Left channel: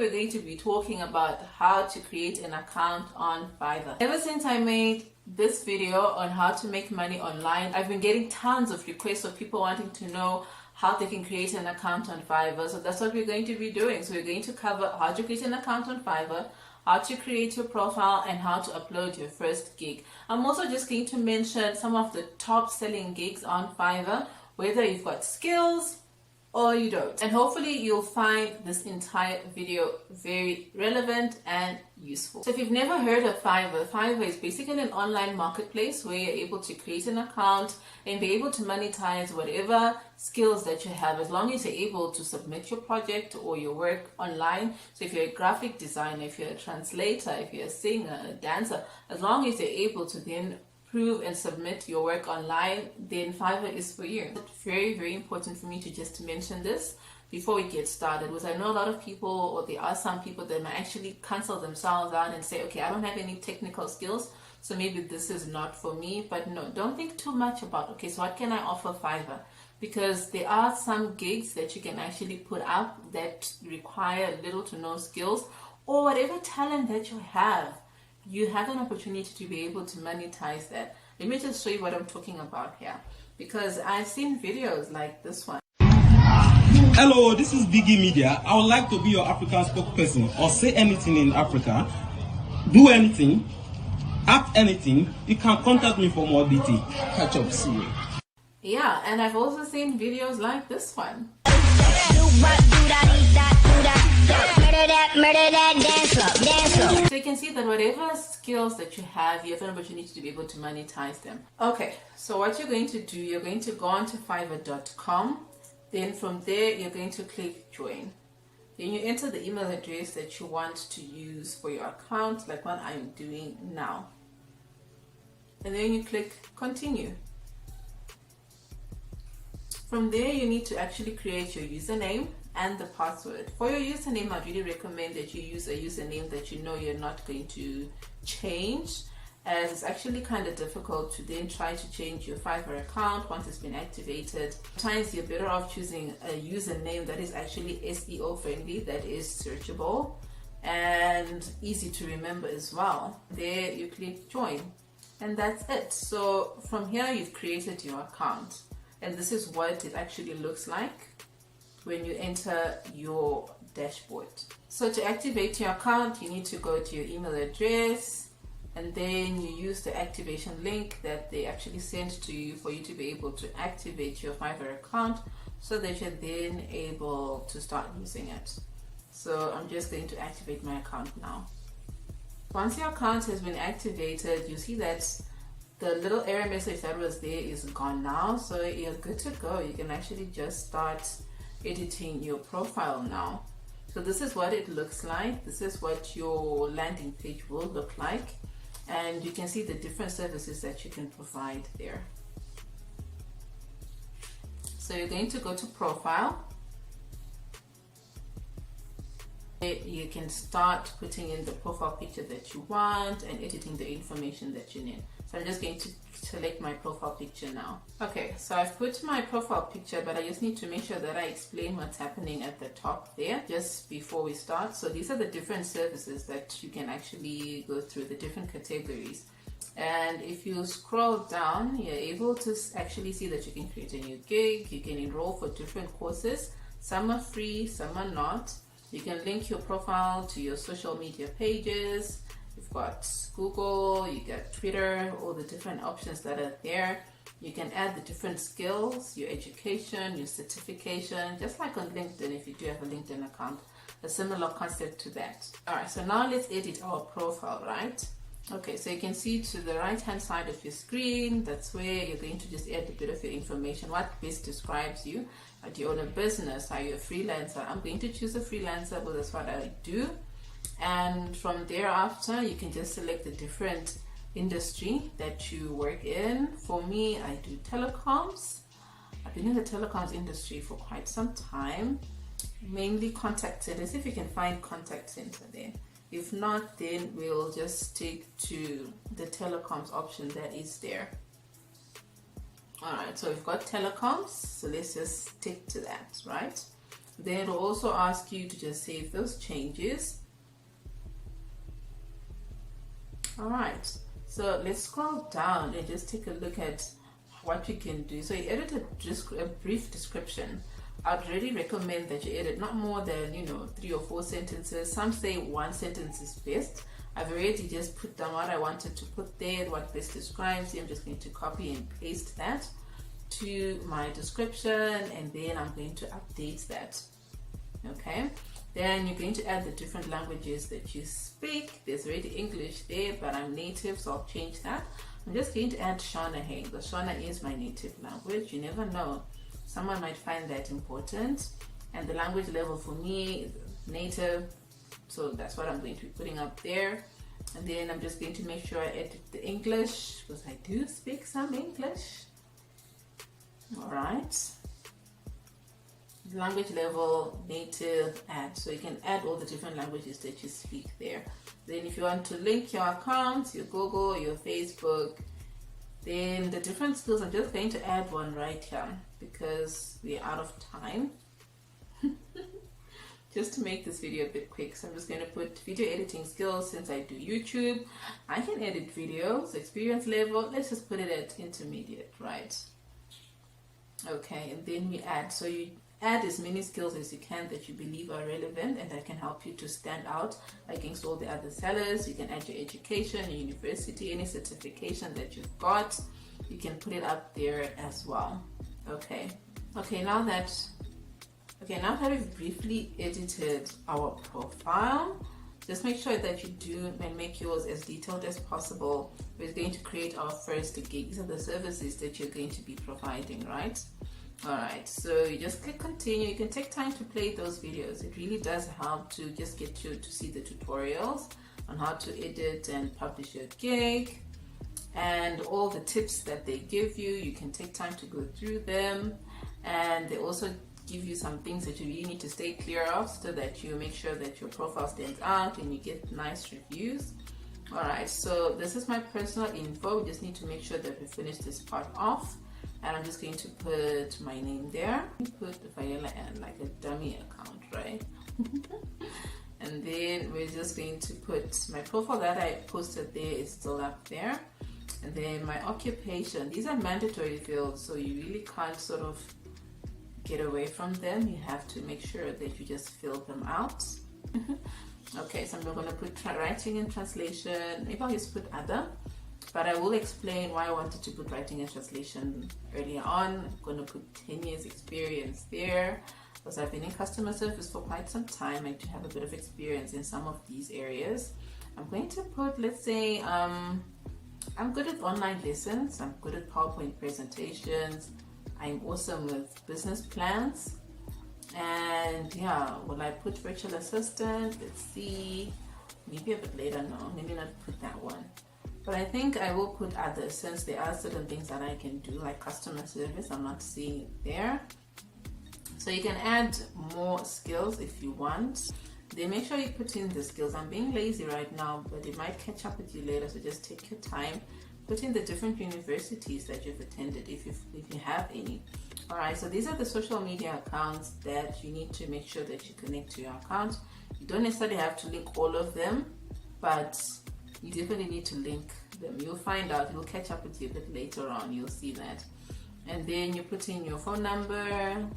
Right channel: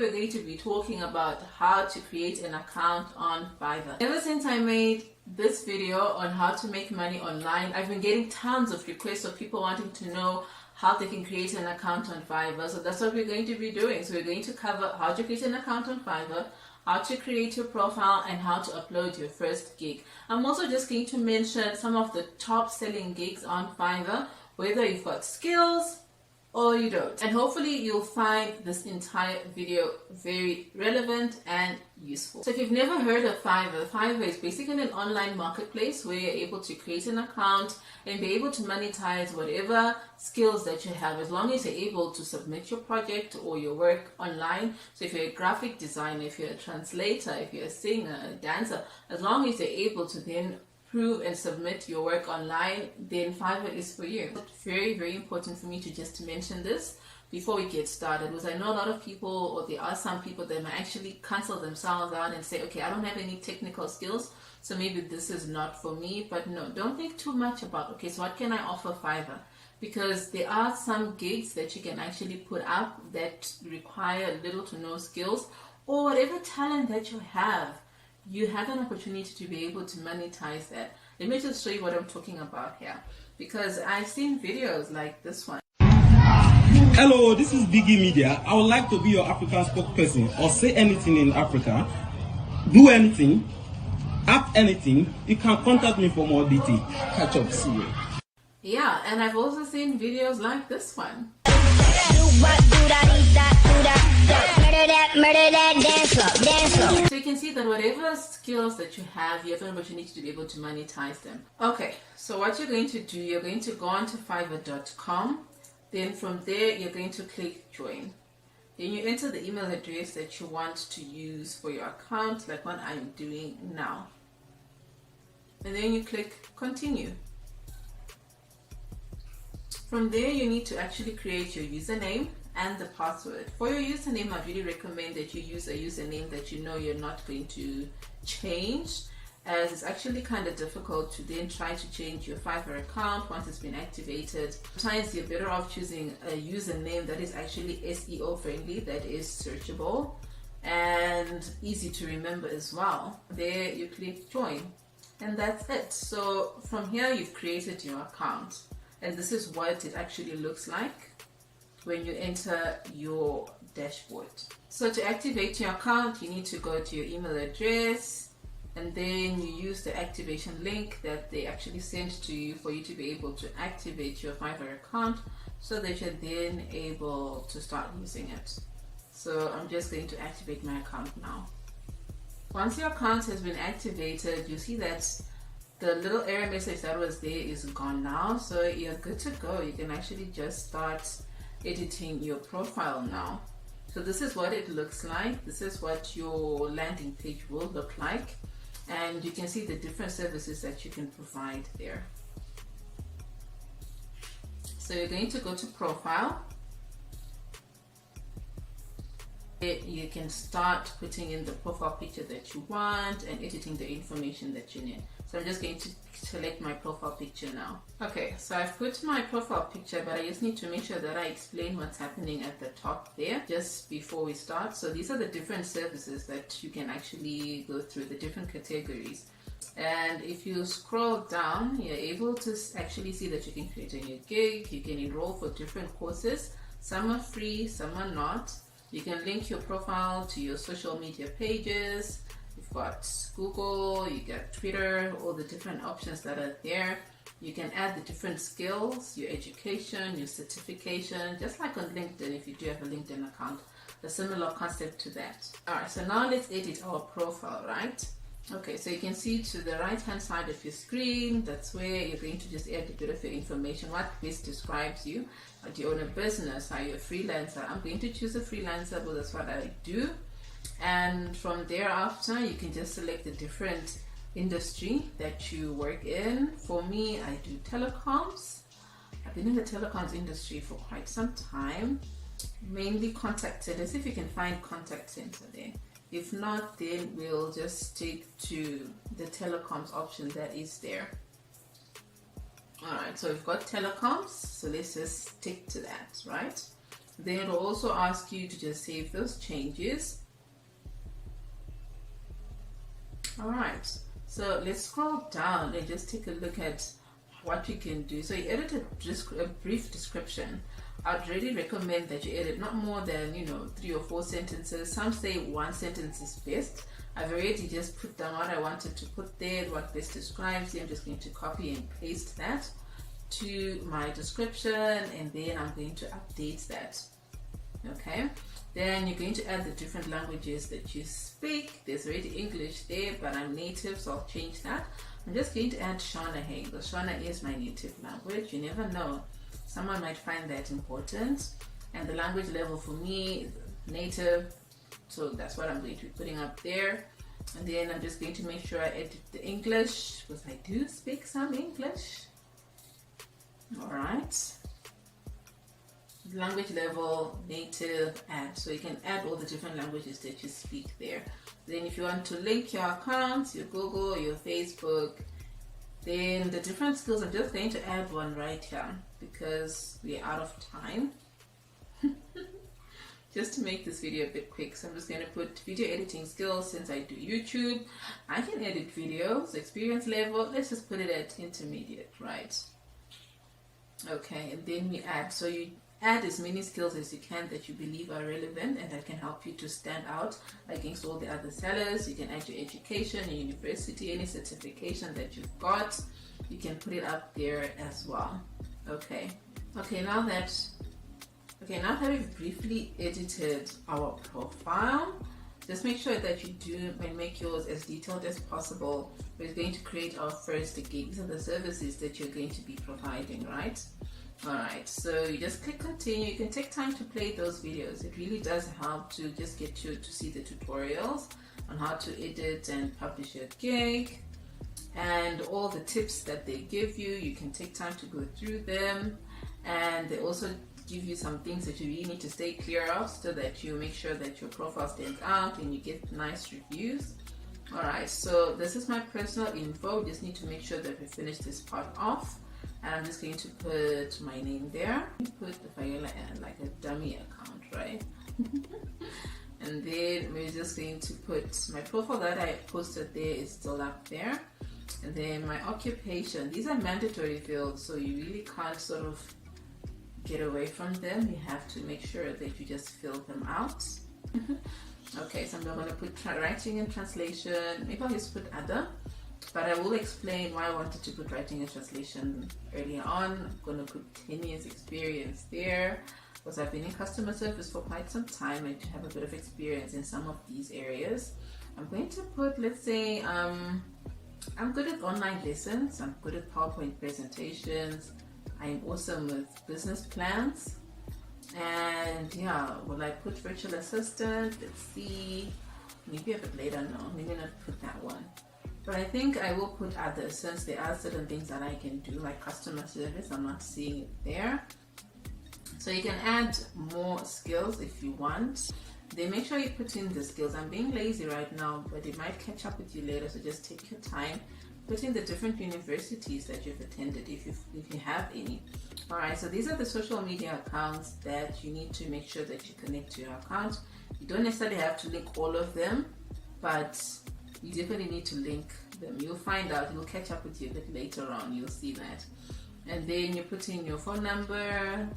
we're going to be talking about how to create an account on Fiverr. Ever since I made this video on how to make money online, I've been getting tons of requests of people wanting to know how they can create an account on Fiverr. So that's what we're going to be doing. So we're going to cover how to create an account on Fiverr, how to create your profile, and how to upload your first gig. I'm also just going to mention some of the top selling gigs on Fiverr, whether you've got skills or you don't. And hopefully you'll find this entire video very relevant and useful. So if you've never heard of Fiverr, Fiverr is basically an online marketplace where you're able to create an account and be able to monetize whatever skills that you have, as long as you're able to submit your project or your work online. So if you're a graphic designer, if you're a translator, if you're a singer, a dancer, as long as you're able to then prove and submit your work online, then Fiverr is for you. It's very, very important for me to just mention this before we get started, because I know a lot of people, or there are some people that might actually cancel themselves out and say, okay, I don't have any technical skills, so maybe this is not for me. But no, don't think too much about, okay, so what can I offer Fiverr? Because there are some gigs that you can actually put up that require little to no skills, or whatever talent that you have an opportunity to be able to monetize that. Let me just show you what I'm talking about here, because I've seen videos like this one. Hello, this is Biggie Media. I would like to be your African spokesperson, or say anything in Africa, do anything, act anything. You can contact me for more details. Catch up, see you. Yeah, and I've also seen videos like this one. So you can see that whatever skills that you have an opportunity to be able to monetize them. Okay, so what you're going to do, you're going to go onto fiverr.com. Then from there, you're going to click join. Then you enter the email address that you want to use for your account, like what I'm doing now. And then you click continue. From there, you need to actually create your username and the password. For your username, I really recommend that you use a username that you know you're not going to change, as it's actually kind of difficult to then try to change your Fiverr account once it's been activated. Sometimes you're better off choosing a username that is actually SEO friendly, that is searchable and easy to remember as well. There you click join, and that's it. So from here, you've created your account, and this is what it actually looks like when you enter your dashboard. So to activate your account, you need to go to your email address, and then you use the activation link that they actually sent to you for you to be able to activate your Fiverr account, so that you're then able to start using it. So I'm just going to activate my account now. Once your account has been activated, you see that the little error message that was there is gone now, so you're good to go. You can actually just start editing your profile now. So this is what it looks like. This is what your landing page will look like, and you can see the different services that you can provide there. So you're going to go to profile. You can start putting in the profile picture that you want and editing the information that you need. So I'm just going to select my profile picture now. Okay, so I've put my profile picture, but I just need to make sure that I explain what's happening at the top there just before we start. So these are the different services that you can actually go through, the different categories. And if you scroll down, you're able to actually see that you can create a new gig. You can enroll for different courses. Some are free, some are not. You can link your profile to your social media pages. You've got Google, you got Twitter, all the different options that are there. You can add the different skills, your education, your certification, just like on LinkedIn if you do have a LinkedIn account, a similar concept to that. All right, so now let's edit our profile, right? Okay, so you can see to the right hand side of your screen, that's where you're going to just add a bit of your information, what best describes you. Do you own a business? Are you a freelancer? I'm going to choose a freelancer, but that's what I do. And from thereafter, you can just select the different industry that you work in. For me, I do telecoms. I've been in the telecoms industry for quite some time, mainly contact centers, if you can find contact center there. If not, then we'll just stick to the telecoms option that is there. Alright, so we've got telecoms, so let's just stick to that, right? Then it will also ask you to just save those changes. Alright, so let's scroll down and just take a look at what you can do. So you edit a brief description. I'd really recommend that you edit not more than 3 or 4 sentences. Some say 1 sentence is best. I've already just put down what I wanted to put there, what best describes you. I'm just going to copy and paste that to my description, and then I'm going to update that. Okay, then you're going to add the different languages that you speak. There's already English there, but I'm native, so I'll change that. I'm just going to add Shona here because Shona is my native language. You never know, someone might find that important. And the language level for me is native, so that's what I'm going to be putting up there. And then I'm just going to make sure I edit the English because I do speak some English. Alright, language level, native, add. So you can add all the different languages that you speak there. Then if you want to link your accounts, your Google, your Facebook, then the different skills, I'm just going to add one right here because we're out of time. Just to make this video a bit quick, so I'm just going to put video editing skills. Since I do YouTube, I can edit videos. Experience level, let's just put it at intermediate, right? Okay, and then we add. So you add as many skills as you can that you believe are relevant and that can help you to stand out against all the other sellers. You can add your education, your university, any certification that you've got. You can put it up there as well. Okay, now that we've briefly edited our profile, just make sure that you do and make yours as detailed as possible. We're going to create our first gig. These are the services that you're going to be providing, right? Alright, so you just click continue. You can take time to play those videos. It really does help to just get you to see the tutorials on how to edit and publish your gig and all the tips that they give you. You can take time to go through them, and they also give you some things that you really need to stay clear of so that you make sure that your profile stands out and you get nice reviews. Alright, so this is my personal info. We just need to make sure that we finish this part off, and I'm just going to put my name there. Put Viola and like a dummy account, right? And then we're just going to put my profile that I posted there is still up there, and then my occupation. These are mandatory fields, so you really can't sort of get away from them. You have to make sure that you just fill them out. Okay, so I'm going to put writing and translation. Maybe I'll just put other, but I will explain why I wanted to put writing and translation earlier on. I'm going to put 10 years experience there because I've been in customer service for quite some time and to have a bit of experience in some of these areas. I'm going to put, let's say, I'm good at online lessons. I'm good at PowerPoint presentations. I'm awesome with business plans. And yeah, will I put virtual assistant? Let's see. Maybe a bit later. No, maybe not put that one. But I think I will put others since there are certain things that I can do, like customer service. I'm not seeing it there. So you can add more skills if you want. Then make sure you put in the skills. I'm being lazy right now, but it might catch up with you later. So just take your time. Put in the different universities that you've attended if you have any. Alright, so these are the social media accounts that you need to make sure that you connect to your account. You don't necessarily have to link all of them, but you definitely need to link them. You'll find out, you'll catch up with you a bit later on, you'll see that. And then you put in your phone number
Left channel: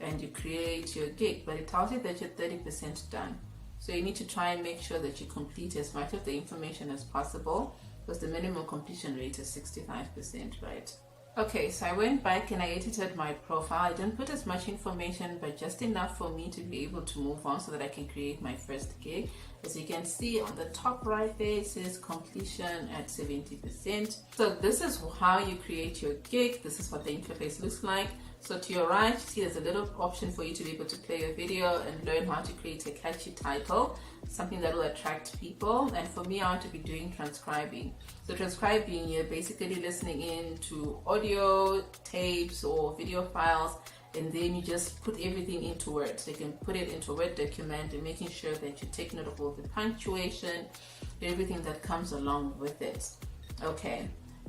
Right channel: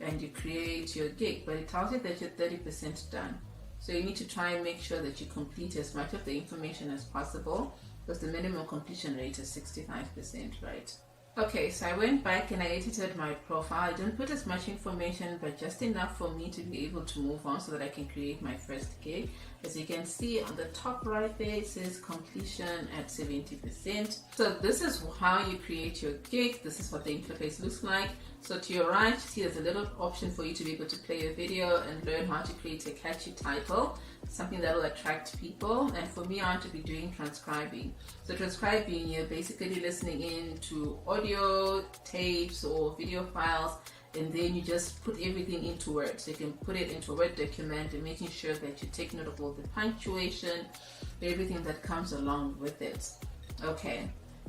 and you create your gig, but it tells you that you're 30% done. So you need to try and make sure that you complete as much of the information as possible, because the minimum completion rate is 65%, right? Okay, so I went back and I edited my profile. I didn't put as much information, but just enough for me to be able to move on so that I can create my first gig. As you can see on the top right there, it says completion at 70%. So this is how you create your gig. This is what the interface looks like. So to your right, you see there's a little option for you to be able to play a video and learn how to create a catchy title, something that will attract people. And for me, I want to be doing transcribing. So transcribing, you're basically listening in to audio tapes or video files, and then you just put everything into Word. So you can put it into a Word document and making sure that you take note of all the punctuation, everything that comes along with it. Okay.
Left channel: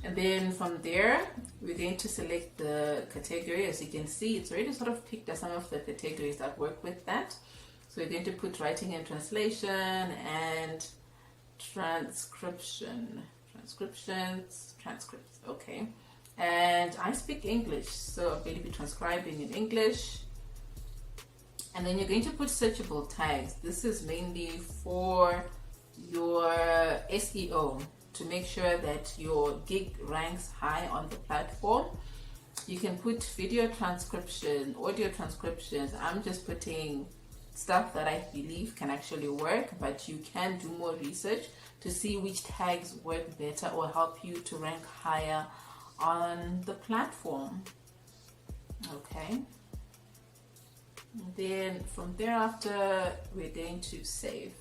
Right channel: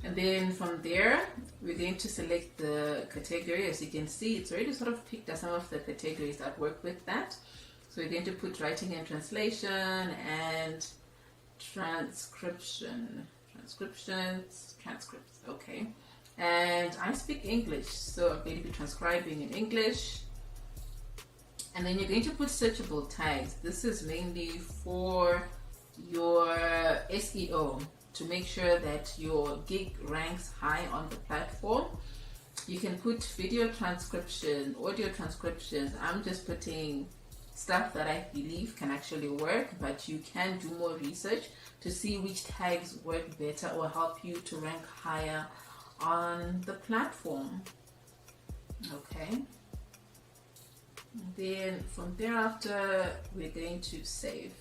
And then from there, we're going to select the category. As you can see, it's already sort of picked up some of the categories that work with that. So we're going to put writing and translation and transcriptions, transcripts, okay. And I speak English, so I'm going to be transcribing in English. And then you're going to put searchable tags. This is mainly for your SEO, to make sure that your gig ranks high on the platform. You can put video transcription, audio transcriptions. I'm just putting stuff that I believe can actually work, but you can do more research to see which tags work better or help you to rank higher on the platform. Okay. And then from thereafter, we're going to save.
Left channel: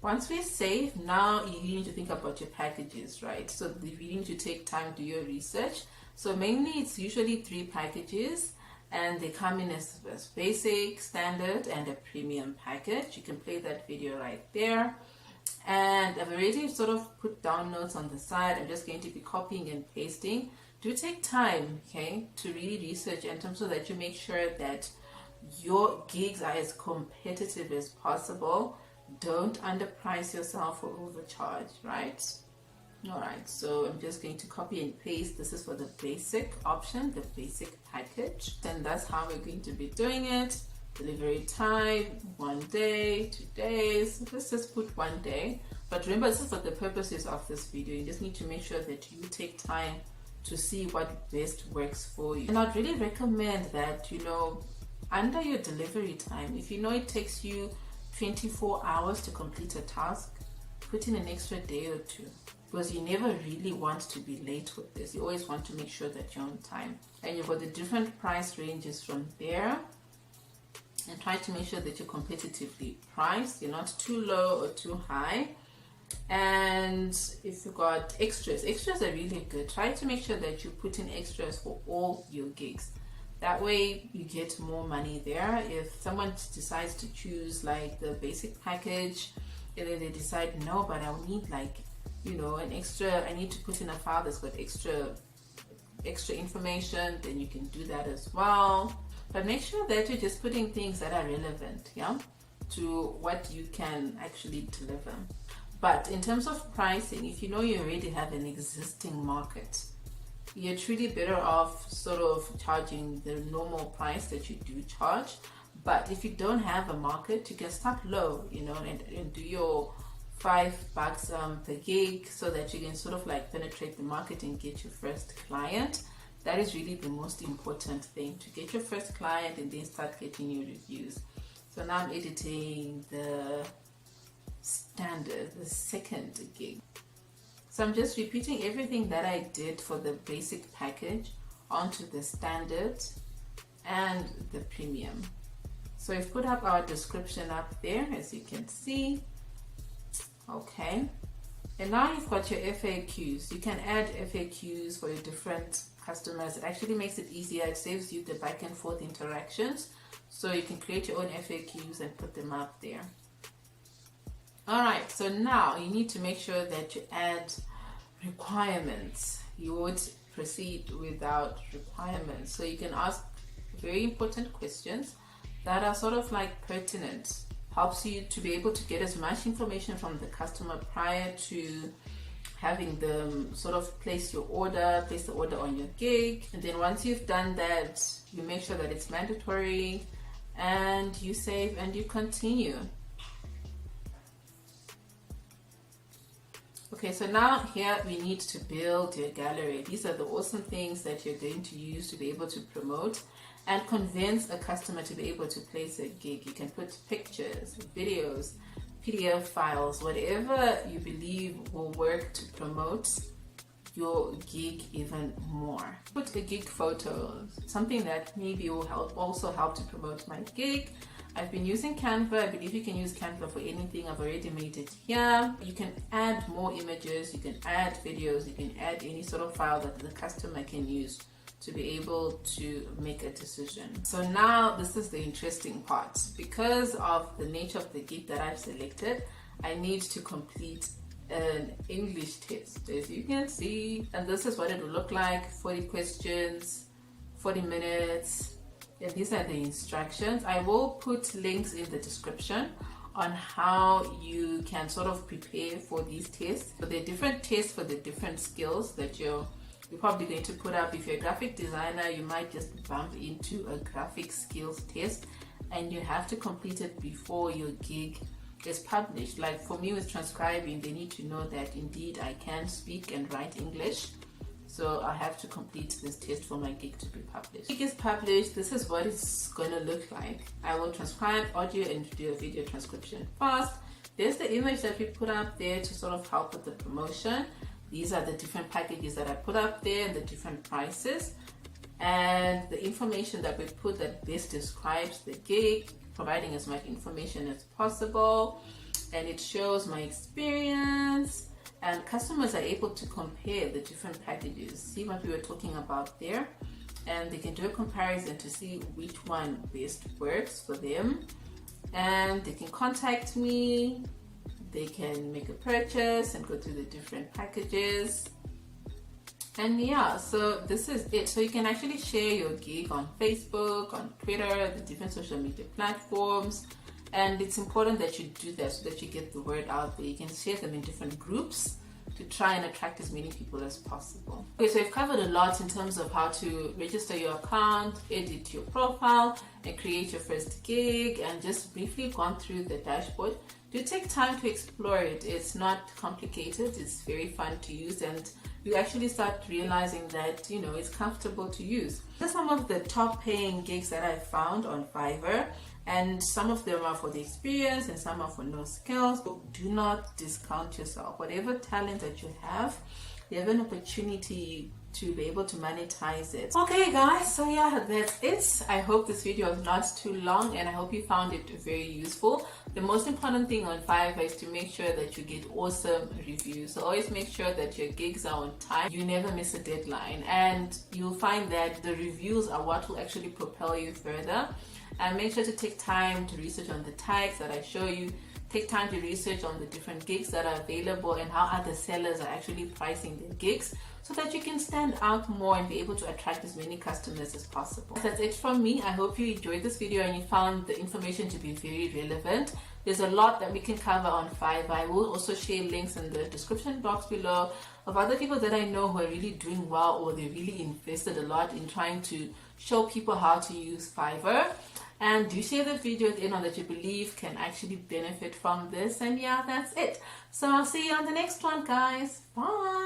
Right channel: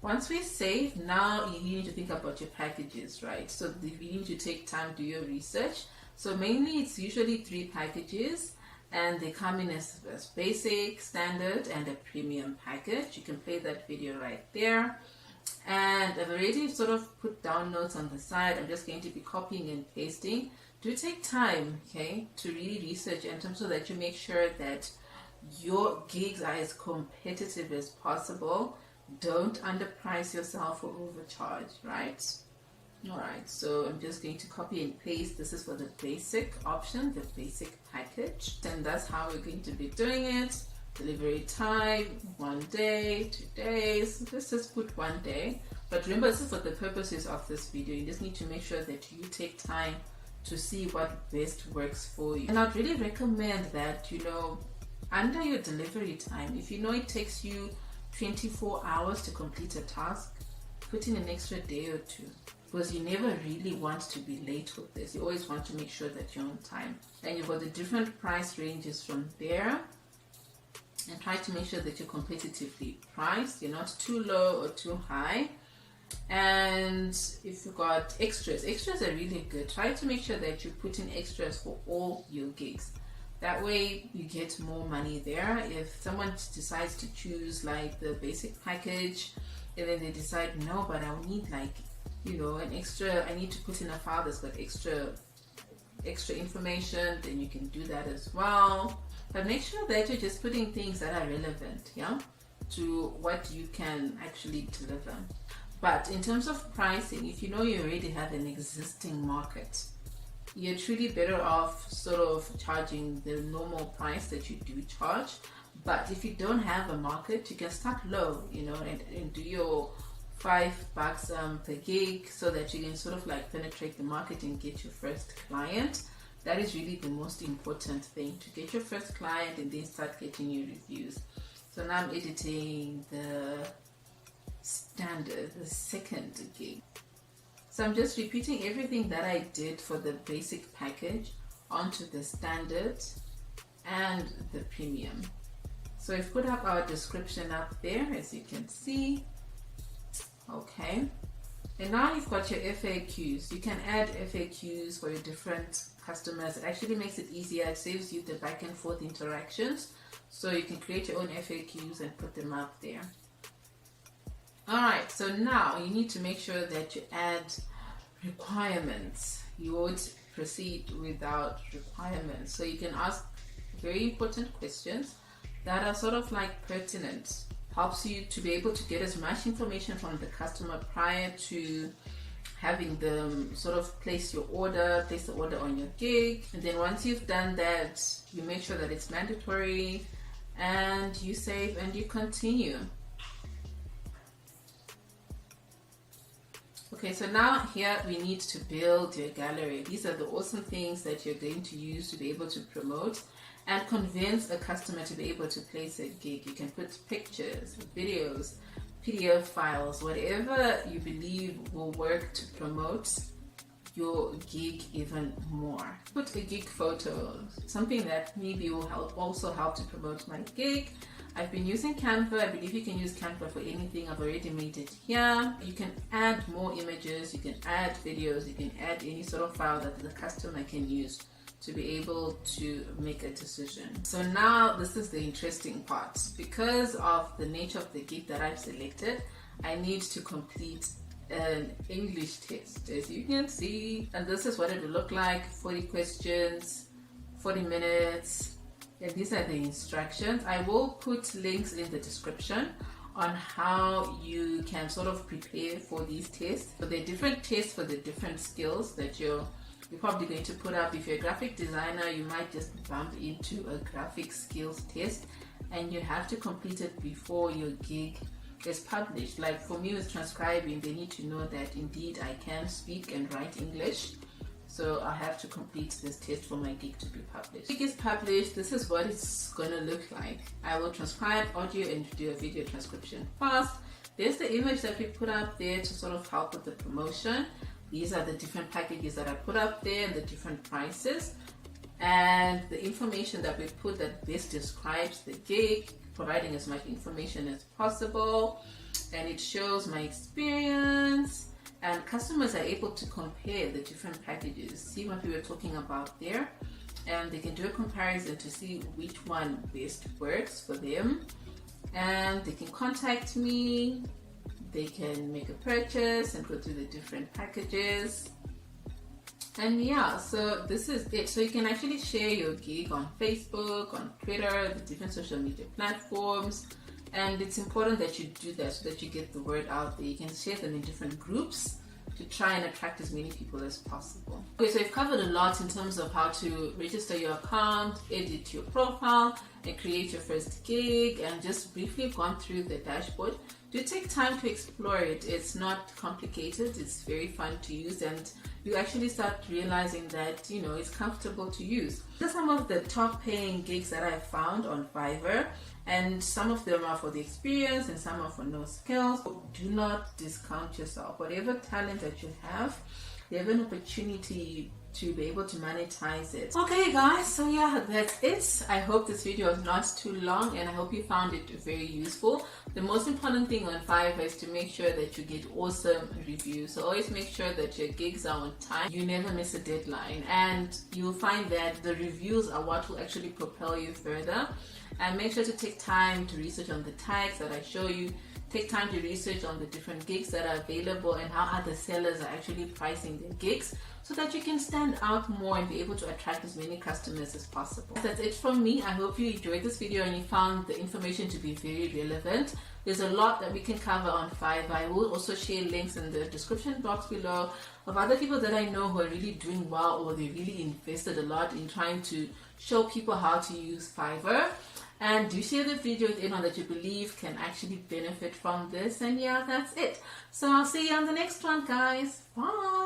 Once we save, now you need to think about your packages, right? So you need to take time to do your research. So mainly it's usually 3 packages, and they come in as basic, standard, and a premium package. You can play that video right there. And I've already sort of put down notes on the side. I'm just going to be copying and pasting. Do take time, okay, to really research in terms so that you make sure that your gigs are as competitive as possible. Don't underprice yourself or overcharge, right? All right, so I'm just going to copy and paste. This is for the basic option, the basic package. And that's how we're going to be doing it. Delivery time, 1 day, 2 days. Let's just put 1 day. But remember, this is for the purposes of this video. You just need to make sure that you take time to see what best works for you. And I'd really recommend that, under your delivery time, if you know it takes you 24 hours to complete a task, put in an extra day or 2, because you never really want to be late with this. You always want to make sure that you're on time. And you've got the different price ranges from there, and try to make sure that you're competitively priced. You're not too low or too high. And if you've got extras are really good. Try to make sure that you put in extras for all your gigs. That way you get more money there. If someone decides to choose like the basic package, and then they decide, no, but I need an extra, I need to put in a file that's got extra information, then you can do that as well. But make sure that you're just putting things that are relevant, to what you can actually deliver. But in terms of pricing, if you know you already have an existing market, you're truly better off sort of charging the normal price that you do charge. But if you don't have a market, you can start low, and do your $5 per gig, so that you can sort of like penetrate the market and get your first client. That is really the most important thing, to get your first client and then start getting your reviews. So now I'm editing the standard, the second gig. So I'm just repeating everything that I did for the basic package onto the standard and the premium. So I've put up our description up there, as you can see. Okay. And now you've got your FAQs. You can add FAQs for your different customers. It actually makes it easier. It saves you the back and forth interactions. So you can create your own FAQs and put them up there. Alright, so now you need to make sure that you add requirements. You would proceed without requirements. So you can ask very important questions that are sort of like pertinent. Helps you to be able to get as much information from the customer prior to having them sort of place the order on your gig. And then once you've done that, you make sure that it's mandatory, and you save and you continue. Okay, so now here we need to build your gallery. These are the awesome things that you're going to use to be able to promote and convince a customer to be able to place a gig. You can put pictures, videos, PDF files, whatever you believe will work to promote your gig even more. Put a gig photo, something that maybe will also help to promote my gig. I've been using Canva. I believe you can use Canva for anything. I've already made it here. You can add more images, you can add videos, you can add any sort of file that the customer can use to be able to make a decision. So now this is the interesting part. Because of the nature of the gig that I've selected, I need to complete an English test, as you can see, and this is what it will look like. 40 questions, 40 minutes, and these are the instructions. I will put links in the description on how you can sort of prepare for these tests. So there are different tests for the different skills that you're probably going to put up. If you're a graphic designer, you might just bump into a graphic skills test, and you have to complete it before your gig is published. Like for me with transcribing, they need to know that indeed I can speak and write English, so I have to complete this test for my gig to be published. Gig is published, this is what it's going to look like. I will transcribe audio and do a video transcription first. There's the image that we put up there to sort of help with the promotion. These are the different packages that I put up there and the different prices, and the information that we put that best describes the gig, providing as much information as possible, and it shows my experience, and customers are able to compare the different packages, see what we were talking about there, and they can do a comparison to see which one best works for them, and they can contact me, they can make a purchase and go through the different packages. And yeah, so this is it. So you can actually share your gig on Facebook, on Twitter, the different social media platforms, and it's important that you do that so that you get the word out there. You can share them in different groups to try and attract as many people as possible. Okay, so I've covered a lot in terms of how to register your account, edit your profile, and create your first gig, and just briefly gone through the dashboard. Do take time to explore it. It's not complicated, it's very fun to use, and you actually start realizing that, you know, it's comfortable to use. These are some of the top paying gigs that I've found on Fiverr, and some of them are for the experience and some are for no skills. Do not discount yourself. Whatever talent that you have, you have an opportunity to be able to monetize it. Okay guys, so yeah, that's it. I hope this video was not too long, and I hope you found it very useful. The most important thing on Fiverr is to make sure that you get awesome reviews. So always make sure that your gigs are on time, you never miss a deadline, and you'll find that the reviews are what will actually propel you further. And make sure to take time to research on the tags that I show you. Take time to research on the different gigs that are available and how other sellers are actually pricing their gigs, so that you can stand out more and be able to attract as many customers as possible. That's it from me. I hope you enjoyed this video and you found the information to be very relevant. There's a lot that we can cover on Fiverr. I will also share links in the description box below of other people that I know who are really doing well, or they really invested a lot in trying to show people how to use Fiverr. And do share the video with anyone that you believe can actually benefit from this. And yeah, that's it. So I'll see you on the next one, guys. Bye.